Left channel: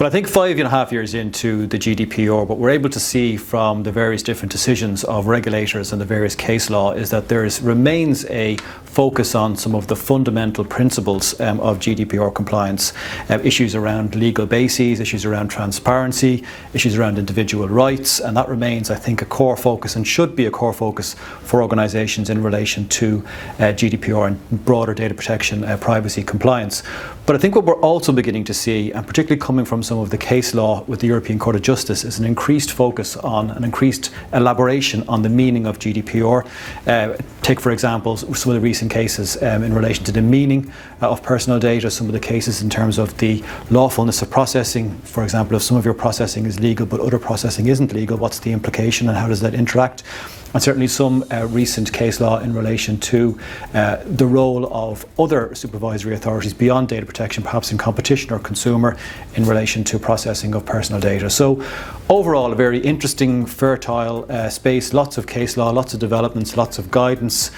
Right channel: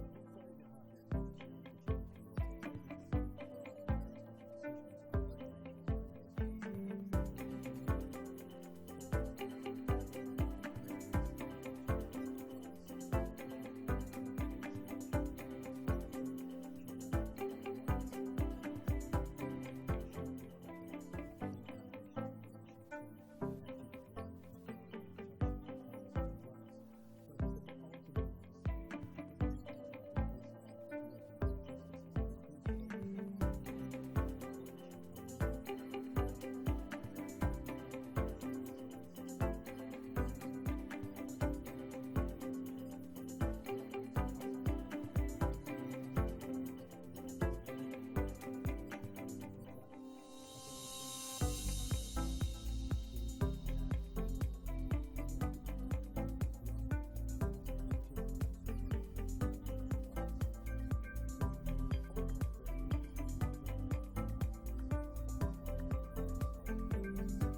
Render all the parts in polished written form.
Well, I think 5.5 years into the GDPR, what we're able to see from the various different decisions of regulators and the various case law is that there remains a focus on some of the fundamental principles of GDPR compliance, issues around legal bases, issues around transparency, issues around individual rights, and that remains, I think, a core focus and should be a core focus for organisations in relation to GDPR and broader data protection, privacy compliance. But I think what we're also beginning to see, and particularly coming from some of the case law with the European Court of Justice, is an increased focus on an increased elaboration on the meaning of GDPR. Take, for example, some of the recent cases in relation to the meaning of personal data, some of the cases in terms of the lawfulness of processing. For example, if some of your processing is legal but other processing isn't legal, what's the implication and how does that interact? And certainly some recent case law in relation to the role of other supervisory authorities beyond data protection, perhaps in competition or consumer, in relation to processing of personal data. So overall, a very interesting, fertile space, lots of case law, lots of developments, lots of guidance,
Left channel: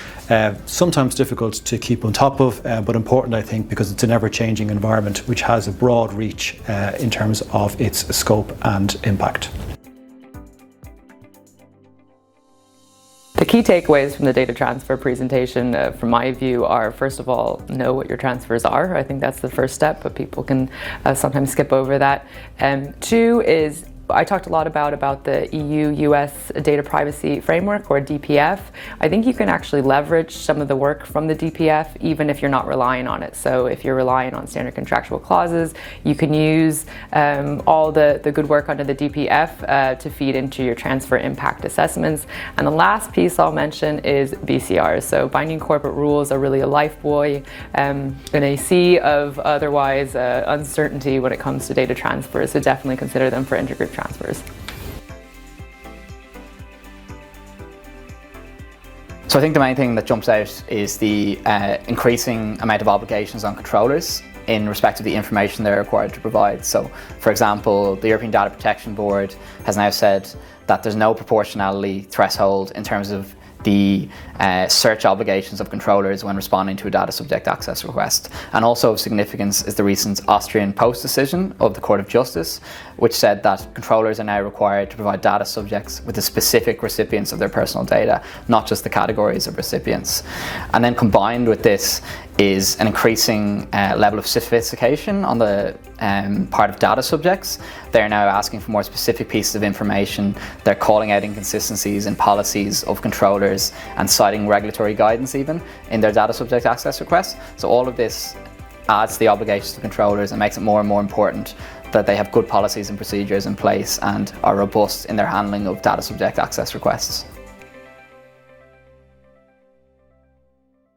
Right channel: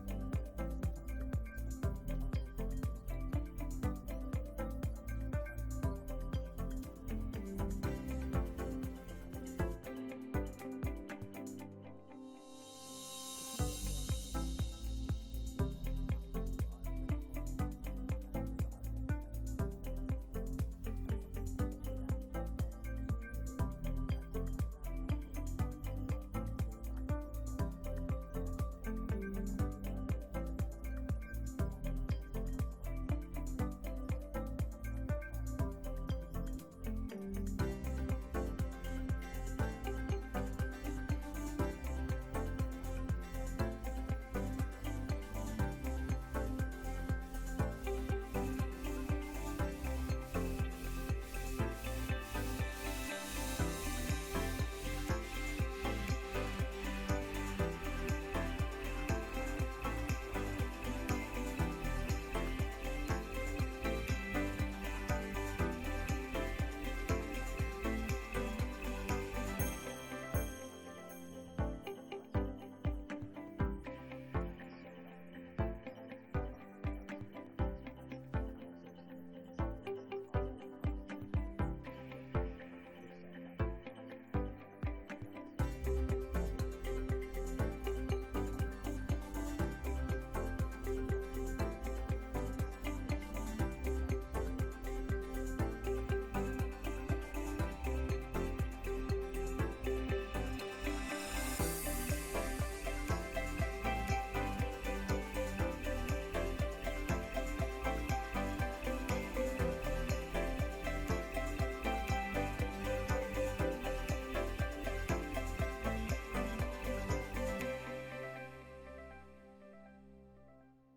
sometimes difficult to keep on top of, but important, I think, because it's an ever-changing environment which has a broad reach in terms of its scope and impact. The key takeaways from the data transfer presentation, from my view, are, first of all, know what your transfers are. I think that's the first step, but people can sometimes skip over that. Two is, I talked a lot about the EU-US data privacy framework, or DPF. I think you can actually leverage some of the work from the DPF even if you're not relying on it. So if you're relying on standard contractual clauses, you can use all the good work under the DPF to feed into your transfer impact assessments. And the last piece I'll mention is BCRs. So binding corporate rules are really a lifebuoy in a sea of otherwise uncertainty when it comes to data transfers. So definitely consider them for intragroup transfers. So I think the main thing that jumps out is the increasing amount of obligations on controllers in respect of the information they're required to provide. So, for example, the European Data Protection Board has now said that there's no proportionality threshold in terms of the search obligations of controllers when responding to a data subject access request. And also of significance is the recent Austrian Post decision of the Court of Justice, which said that controllers are now required to provide data subjects with the specific recipients of their personal data, not just the categories of recipients. And then combined with this is an increasing level of sophistication on the part of data subjects. They're now asking for more specific pieces of information. They're calling out inconsistencies in policies of controllers and citing regulatory guidance even in their data subject access requests. So all of this adds to the obligations to controllers and makes it more and more important that they have good policies and procedures in place and are robust in their handling of data subject access requests.